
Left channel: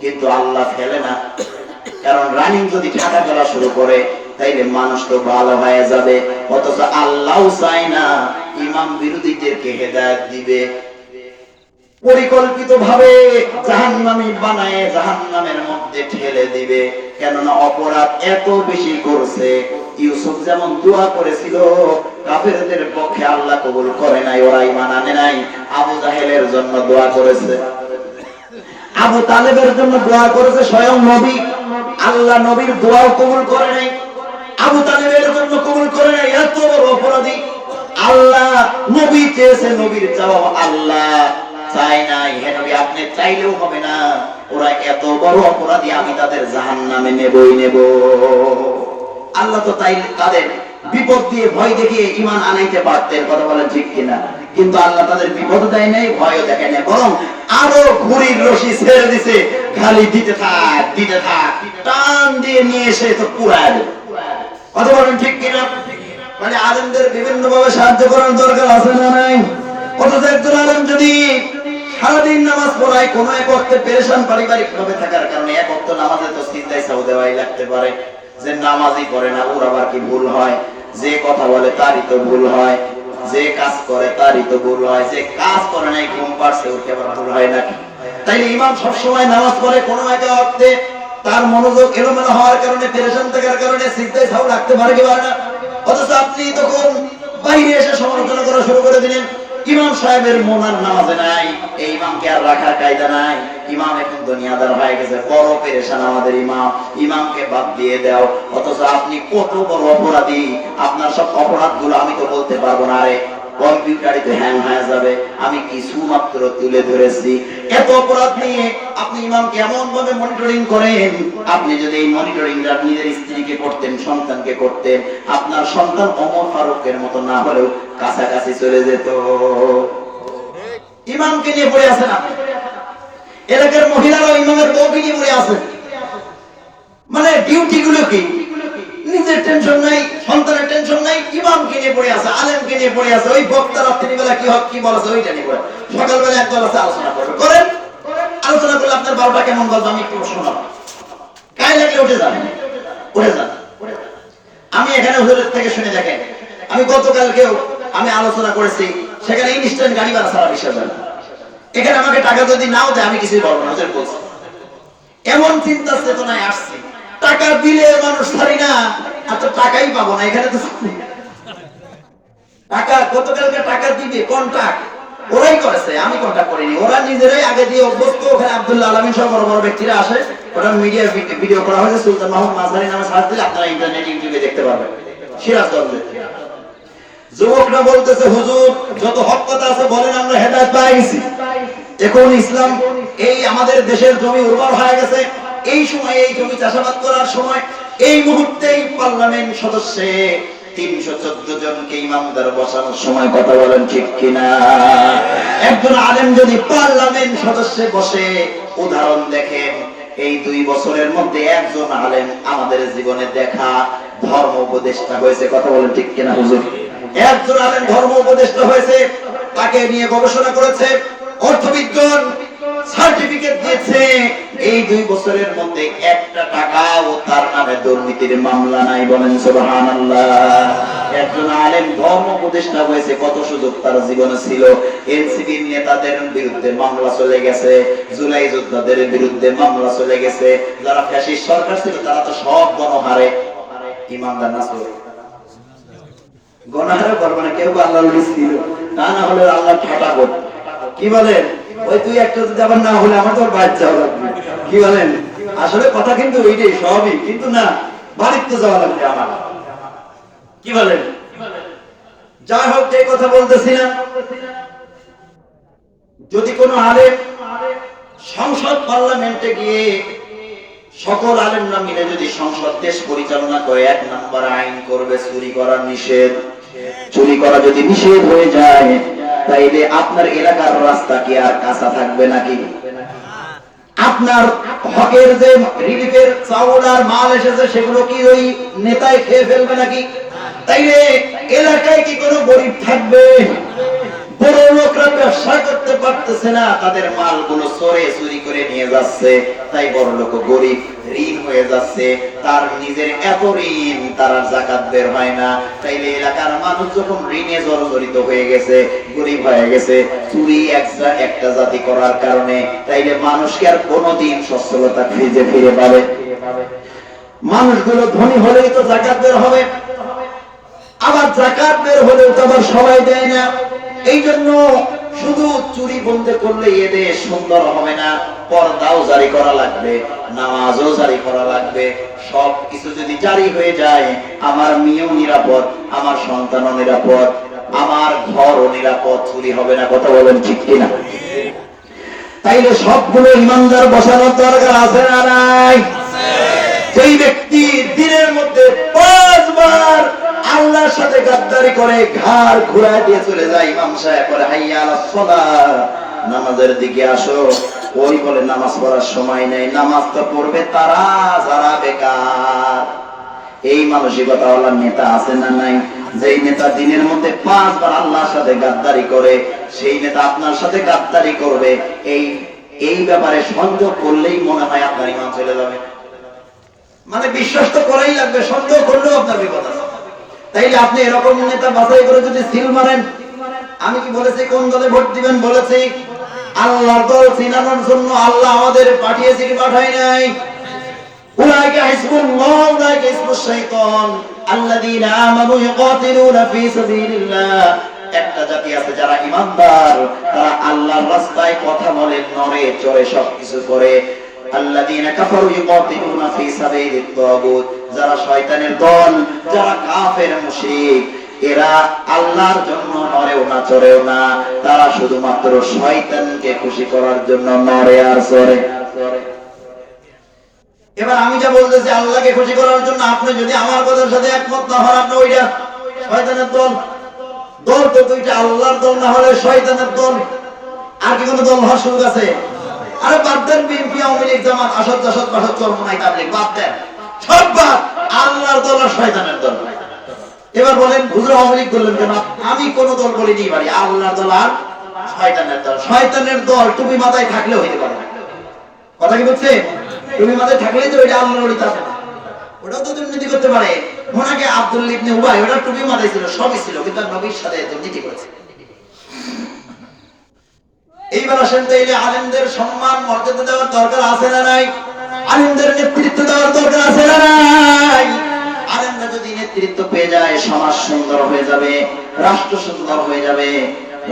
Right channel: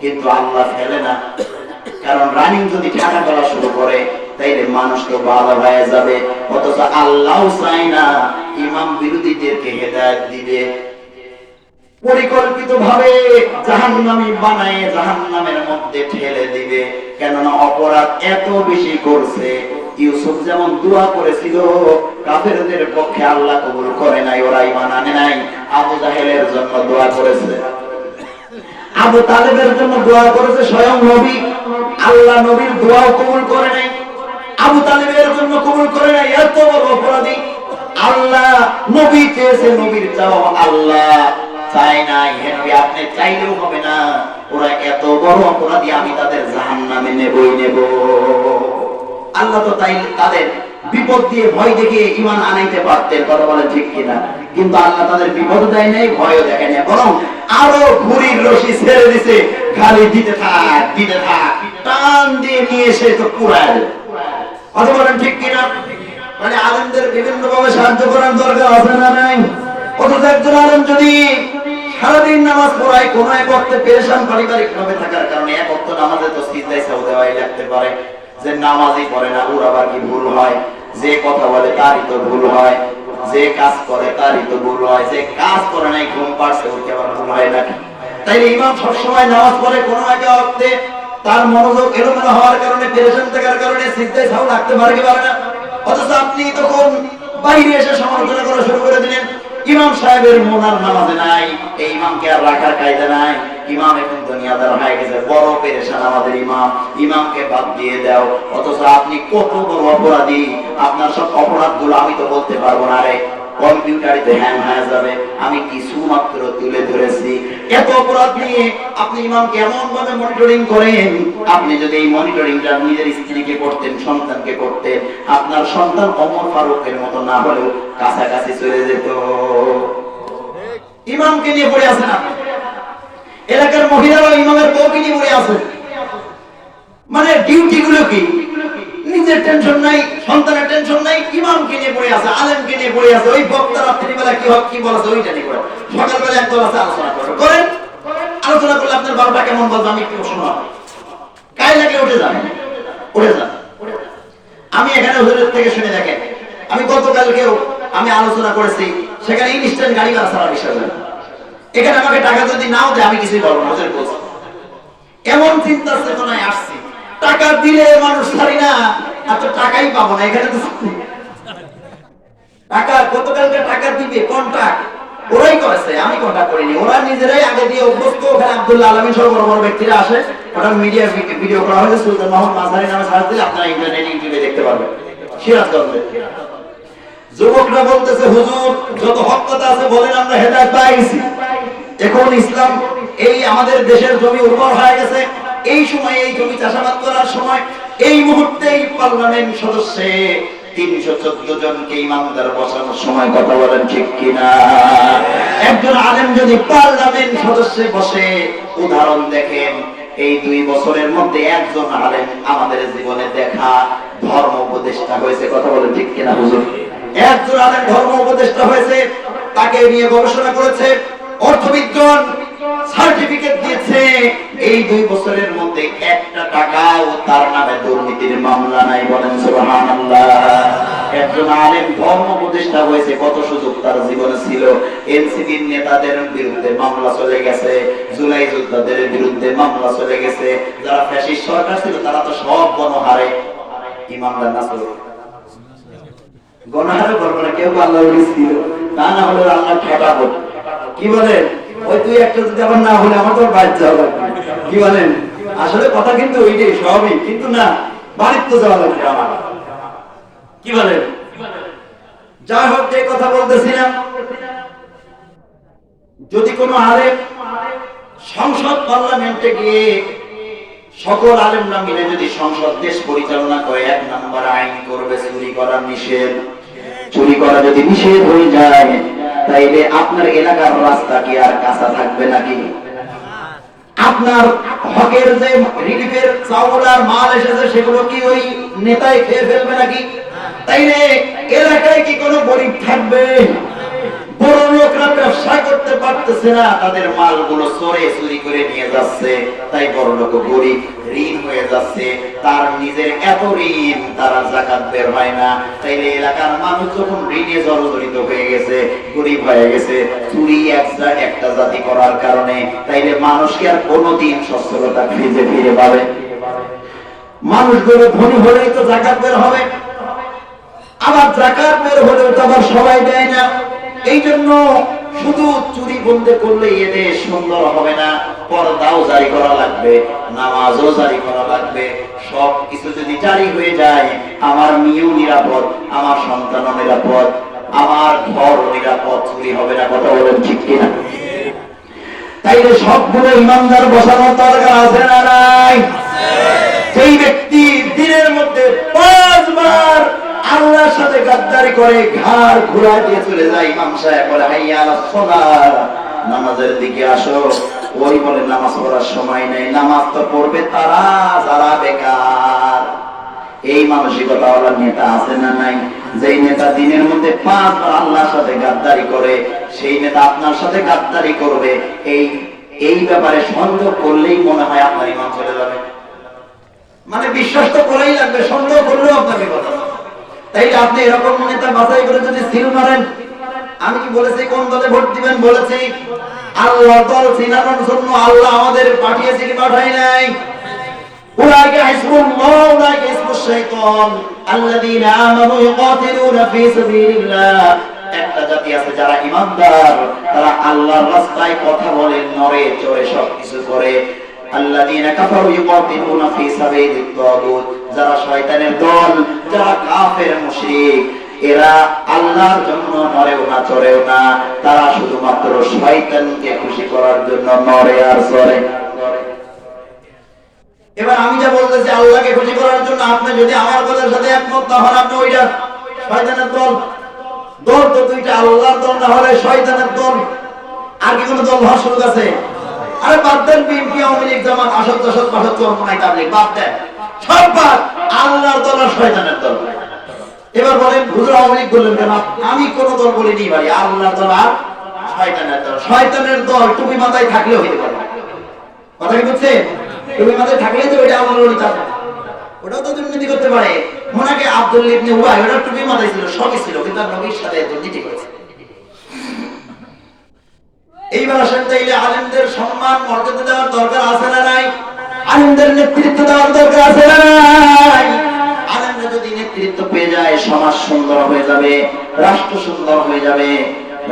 কিন্তু আল্লাহ ফেলে না। কারণ রানিং যদি ঠাটা ফেলা শুরু করে তাইলে মানুষ তো ভালো হয়ে যাবে, অথচ আল্লাহ চায় না ইমাম বিরোধীদেরকে হেদায়েত দিবে। পরিকল্পিত ভাবে জাহান্নামী বানায় জাহান্নামের মধ্যে ঠেলে দিবে। কেননা অপরাধ এত বেশি করছে। ইউসুফ যেমন দোয়া করেছিল কাফেরদের পক্ষে, আল্লাহ কবুল করে নাই, ওরা ঈমান আনে নাই। আবু জাহেলের জন্য দোয়া করেছে, আবু তালেবের জন্য দোয়া করেছে স্বয়ং নবী, আল্লাহ নবীর দোয়াও কবুল করে নাই, আবু তালেবের জন্য কবুল করে নাই। এত বড় অপরাধী আল্লাহ, নবী চেয়েছে, নবীর জবাব আল্লাহ চাই নাই। হে নবী, আপনি চাইলেও হবে না, ওরা এত বড় অপরাধী, আমি তাদের জাহান্নামে নেবই নেব। আল্লাহ তো তাই তাদের বিপদ দিয়ে ভয় দেখিয়ে ঈমান আনাইতে পারতেন, কথা বলেন ঠিক কিনা? কিন্তু আল্লাহ তাদের বিপদ দেয় নাই, ভয়ও দেখে নাই, বরং আরো ঘুড়ির রশি ছেড়ে দিছে, খালি দিতে থাক দিতে থাক, টান দিয়ে নিয়ে এসে তো পুরায় দেয়, কথা বলেন ঠিক কিনা? মানে আলেমদের বিভিন্ন ভাবে সাহায্য করার দরকার আছে না নাই? অথচ একজন আলেম যদি সারাদিন নামাজ পড়ায়, কোন এক ওয়াক্তে পেরেশান পারিবারিক ভাবে থাকার কারণে এক ওয়াক্ত নামাজে তো সিজদায় সাহু দেওয়াই লাগতে পারে, যে নামাজই পড়ে না ওর আবার কি ভুল হয়? যে কথা বলে তারই তো ভুল হয়, যে কাজ করে তারই তো ভুল হয়, যে কাজ করে নাই ঘুম পাড়ছে ওর কি আবার ভুল হয় নাকি? তাই ইমাম সবসময় নামাজ পড়ে, কোনো এক ওয়াক্তে তার মনোযোগ এলোমেলো হওয়ার কারণে, পেরেশান থাকার কারণে সিজদায় সাহু লাগতে পারে কি পারে না? অথচ আপনি তখন বাইরে এসে সমালোচনা করা শুরু করে দিলেন। ইমাম সাহেবের মন আর নামাজে নাই, এই ইমামকে আর রাখার কায়দা নাই, ইমাম এখন দুনিয়াদার হয়ে গেছে, বড় পেরেশান আমাদের ইমাম, ইমামকে বাদ দিয়ে দাও। অথচ আপনি কত বড় অপরাধী, আপনার সব অপরাধগুলো আমি তো বলতে পারবো না, রে কম্পিউটারে তো হ্যাং হয়ে যাবে, আমি কিছু মাত্র তুলে ধরেছি। এত অপরাধ নিয়ে আপনি ইমামকে এমন ভাবে মনিটরিং করেন, আপনি যদি এই মনিটরিংটা নিজের স্ত্রীকে করতেন, সন্তানকে করতেন, আপনার সন্তান ওমর ফারুকের মতো না হলেও কাছাকাছি চলে যেত। ইমামকে নিয়ে পড়ে আছেন আপনি, এলাকার মহিলারা ইমামের বউকে নিয়ে পড়ে আছেন। মানে ডিউটি গুলো কি? নিজের টেনশন নাই, সন্তানের টেনশন নাই, ইমামকে নিয়ে পড়ে আছে, আলেমকে নিয়ে পড়ে আছে। ওই বক্তা রাত্রিবেলা কি হক কি বলেছে ওইটা নিয়ে পড়ে, সকালবেলা একদল আছে আলোচনা করেন। আলোচনা করলে আপনার বারোটা কেমন বলবো আমি একটু শুনলাম, গায়ে লাগলে উঠে যান, উঠে যান। আমি এখানে হুজুরের থেকে শুনে দেখেন, আমি গতকালকেও আমি আলোচনা করেছি, সেখানে ইনস্ট্যান্ট গাড়ি ভাড়া ছাড়া বিষয় না। এখানে আমাকে টাকা যদি নাও দেয় আমি কিছুই বলবো না, হুজুর বলছি। এমন চিন্তা চেতনায় আসছি, টাকা দিলে মানুষ ছাড়ি না, আর তো টাকাই পাবো না। এখানে তো টাকা গতকালকে টাকা দিবে কন্ট্রাক্ট ওরাই করেছে, আমি কন্ট্রাক্ট করিনি, ওরা নিজেরাই আগে দিয়ে অভ্যস্ত। ওখানে আব্দুল্লাহ আলমী সহ বড় বড় ব্যক্তিরা আসে, ওটা মিডিয়া ভিডিও করা হয়েছে, সুলতান মাহমুদ মাঝারি নামে সার্চ দিলে আপনারা ইন্টারনেট ইউটিউবে দেখতে পারবেন। সিরাজগঞ্জে যুবকরা বলতেছে, হুজুর যত হক কথা আছে বলেন, আমরা হেদায়েত পেয়ে গেছি, এখন ইসলাম এই আমাদের দেশের জমি উর্বর হয়ে গেছে, এই সময় এই জমি চাষাবাদ করার সময় এই মুহূর্তেই পার্লামেন্ট সদস্যে 314 জনকে ইমানদার বসানোর সময়, কথা বলেন ঠিক কিনা? একজন আলেম যদি পার্লামেন্ট সদস্যে বসে, উদাহরণ দেখেন, এই 2 বছরের মধ্যে একজন আলেম আমাদের জীবনে দেখা ধর্ম উপদেষ্টা হয়েছে। কথা বলেন ঠিক কিনা হুজুর? একজন আলেম ধর্ম উপদেষ্টা হয়েছে, তাকে নিয়ে গবেষণা করেছে, অর্থবিজ্ঞান সার্টিফিকেট দিয়েছে। এই 2 বছরের মধ্যে একটা টাকাও তার নামে দুর্নীতির মামলা নাই। বলেন সুবহানাল্লাহ। একজন আলেম ধর্ম উপদেষ্টা হয়েছে, কত সুযোগ তার জীবনে ছিল। এনসিপির নেতাদের বিরুদ্ধে মামলা চলে গেছে, জুলাই যোদ্ধাদের বিরুদ্ধে মামলা চলে গেছে। যারা ফ্যাসিস্ট সরকার ছিল তারা তো সব গণহারে ইমানদার না ছিল, গণহারে বলবো কেউ আল্লাহর ওলি ছিল, তা না হলে আল্লাহ ঠেকাবো। কি বলেন? ওই 2-1টা যদি আবার না হলে আমার তো বাইরে যাওয়া লাগবে। কি বলেন? আসলে কথা কিন্তু ওইটাই, সবই কিন্তু না, বাড়িতে তো যাওয়া লাগবে আমার। কি বলেন? যাই হোক, যে কথা বলতেছিলাম, যদি কোনো আলেম সংসদ পার্লামেন্টে গিয়ে সকল আলেমরা মিলে যদি সংসদ দেশ পরিচালনা করে, 1 নম্বর আইন করবে চুরি করা নিষেধ। চুরি করা যদি নিষেধ হয়ে যায়, তাইলে আপনার এলাকার রাস্তা কি আর কাঁচা থাকবে নাকি? আপনার হকের যে রিলিফের চাউল আর মাল এসেছে সেগুলো কি ওই নেতাই খেয়ে ফেলবে নাকি? তাইলে এলাকায় কি কোনো গরিব থাকবে? বড় লোকরা ব্যবসা করতে পারতেছে না, তাদের মালগুলো চোরে চুরি করে নিয়ে যাচ্ছে, তাই বড় লোক গরিব ঋণ হয়ে যাচ্ছে, তার নিজের এত ঋণ তার যাকাত বের হয় না। তাইলে এলাকার মানুষ যখন ঋণে জর্জরিত হয়ে গেছে, গরিব হয়ে গেছে, চুরি একটা জাতি করার কারণে, তাইলে মানুষকে আর কোনোদিন সচ্ছলতা ফিরে পাবে? মানুষগুলো ধনী হলেই তো যাকাত বের হবে, আবার যাকাত বের হলেও তো আবার সবাই দেয় না। এই জন্য শুধু চুরি বন্ধ করলে এদের সুন্দর হবে না, পর্দাও জারি করা লাগবে, নামাজও জারি করা লাগবে। সব কিছু যদি জারি হয়ে যায়, আমার মেয়েও নিরাপদ, আমার সন্তানও নিরাপদ, আমার ঘরও নিরাপদ, চুরি হবে না। কথা বলেন ঠিক কিনা? তাইলে সবগুলো ইমানদার বসানোর দরকার আছে না নাই? যেই ব্যক্তি দিনের মধ্যে 5 বার আল্লাহর সাথে গাদ্দারি করে, ঘাড় ঘুরায় দিয়ে চলে যায়, ইমাম সাহেব বলে হাইয়া আলাস সালাহ, নামাজের দিকে আসো, ওই বলে নামাজ পড়ার সময় নেই। নামাজ তো পড়বে তারা যারা বেকার। এই মানসিকতা ওয়ালা নেতা আছে না নাই? যেই নেতা দিনের মধ্যে 5 বার আল্লাহর সাথে গাদ্দারি করে, সেই নেতা আপনার সাথে গাদ্দারি করবে। এই ব্যাপারে সন্দেহ করলেই মনে হয় আপনার ঈমান চলে যাবে। মানে বিশ্বাস তো করাই লাগবে, সন্দেহ করলেও আপনার বিপদ আছে। তাইলে আপনি এরকম নেতা বাছাই করে যদি সিল মারেন, আমি কি বলেছি কোন দলে ভোট দিবেন? বলেছি আল্লাহ দল চিনানোর জন্য আল্লাহ আমাদের পাঠিয়েছে কি পাঠাই নাই? উলাইকা হিজবুল্লাহ উলাইকা হিজবুশ শাইতান আল্লাযীনা আমানু ইউকাতিলুনা ফী সাবিলিল্লাহ। একটা জাতি আছে যারা ঈমানদার, তারা আল্লাহর রাস্তায় কথা বলে, নড়ে চড়ে সবকিছু করে। আল্লাযীনা কাফারু ইউকাতিলুনা ফী সাবিলিত তাগুত, যারা শয়তানের দল, যারা কাফের মুশরিক, এরা আল্লাহর জন্য নড়েও না চড়েও না, তারা শুধুমাত্র শয়তানকে খুশি করার জন্য নড়ে আর চড়ে। এবার আমি যা বলতেছি আল্লাহকে খুশি করার জন্য, আপনি যদি আমার বলার সাথে একমত না হন, আপনি ওইটা শয়তানের দল। দল তো 2টা, আল্লাহর দল না হলে শয়তানের দল। আর কি কোনো দল হওয়ার সুযোগ আছে? আরে বাদ দেন, বিএনপি, আওয়ামী লীগ, জামাত, আসদ জাসদ পাসদ চরমনাই তাবলীগ, বাদ দেন, সব বাদ। আল্লাহর দল আর শয়তানের দল। এবার বলেন হুজুর আওয়ামী লীগ বললেন কেন? আমি কোন দল বলিনি ভাই, আল্লাহর দল আর শয়তানের দল। শয়তানের দল টুপি মাথায় থাকলেও হইতে পারে। কথা কি বুঝছেন? টুপি মাথায় থাকলেই তো ওইটা আল্লাহর ওলি থাকে, ওটাও তো দুর্নীতি করতে পারে। ওনাকে আব্দুল্লাহ ইবনে উবাই, ওটা টুপি মাথায় ছিল, সবই ছিল, কিন্তু নবীর সাথে দুর্নীতি করেছে। এইবার আসেন, তাইলে আলেমদের সম্মান মর্যাদা দেওয়ার দরকার আছে না নাই? আলেমদের নেতৃত্ব দেওয়ার দরকার আছে না নাই? আলেমরা যদি নেতৃত্ব পেয়ে যায়, সমাজ সুন্দর হয়ে যাবে, রাষ্ট্র সুন্দর হয়ে যাবে।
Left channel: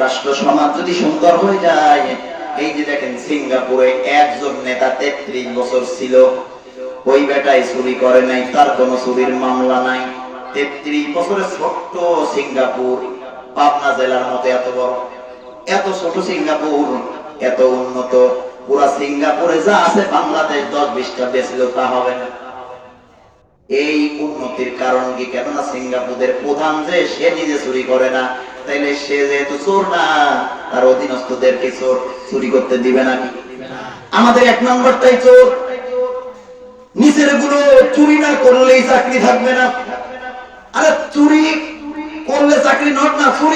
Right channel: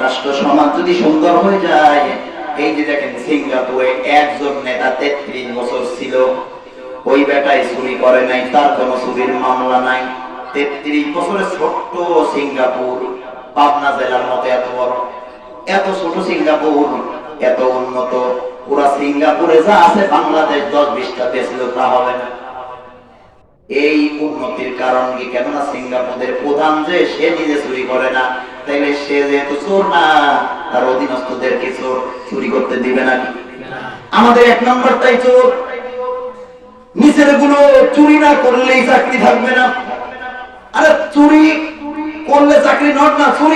রাষ্ট্র সমাজ যদি সুন্দর হয়ে যায়, এই যে দেখেন সিঙ্গাপুরে একজন নেতা 33 বছর ছিল, ওই বেটাই চুরি করে নাই, তার কোনো চুরির মামলা নাই। 33 বছরের ছোট্ট সিঙ্গাপুর, পাবনা জেলার মতো এত বড়, এত ছোট সিঙ্গাপুর, এত উন্নত। পুরা সিঙ্গাপুরে যা আছে বাংলাদেশ 10-20টা দেশে তা হবে না। এই উন্নতির কারণ কি? কেননা সিঙ্গাপুরের প্রধান যে সে নিজে চুরি করে না, তাইলে সে যেহেতু চোর না, তার অধীনস্থদেরকে চোর চুরি করতে দিবে না। আমাদের 1 নম্বরটাই চোর। ছেলেগুলো চুরি না করলেই চাকরি থাকবে না। আরে চুরি করলে চাকরি নট না, চুরি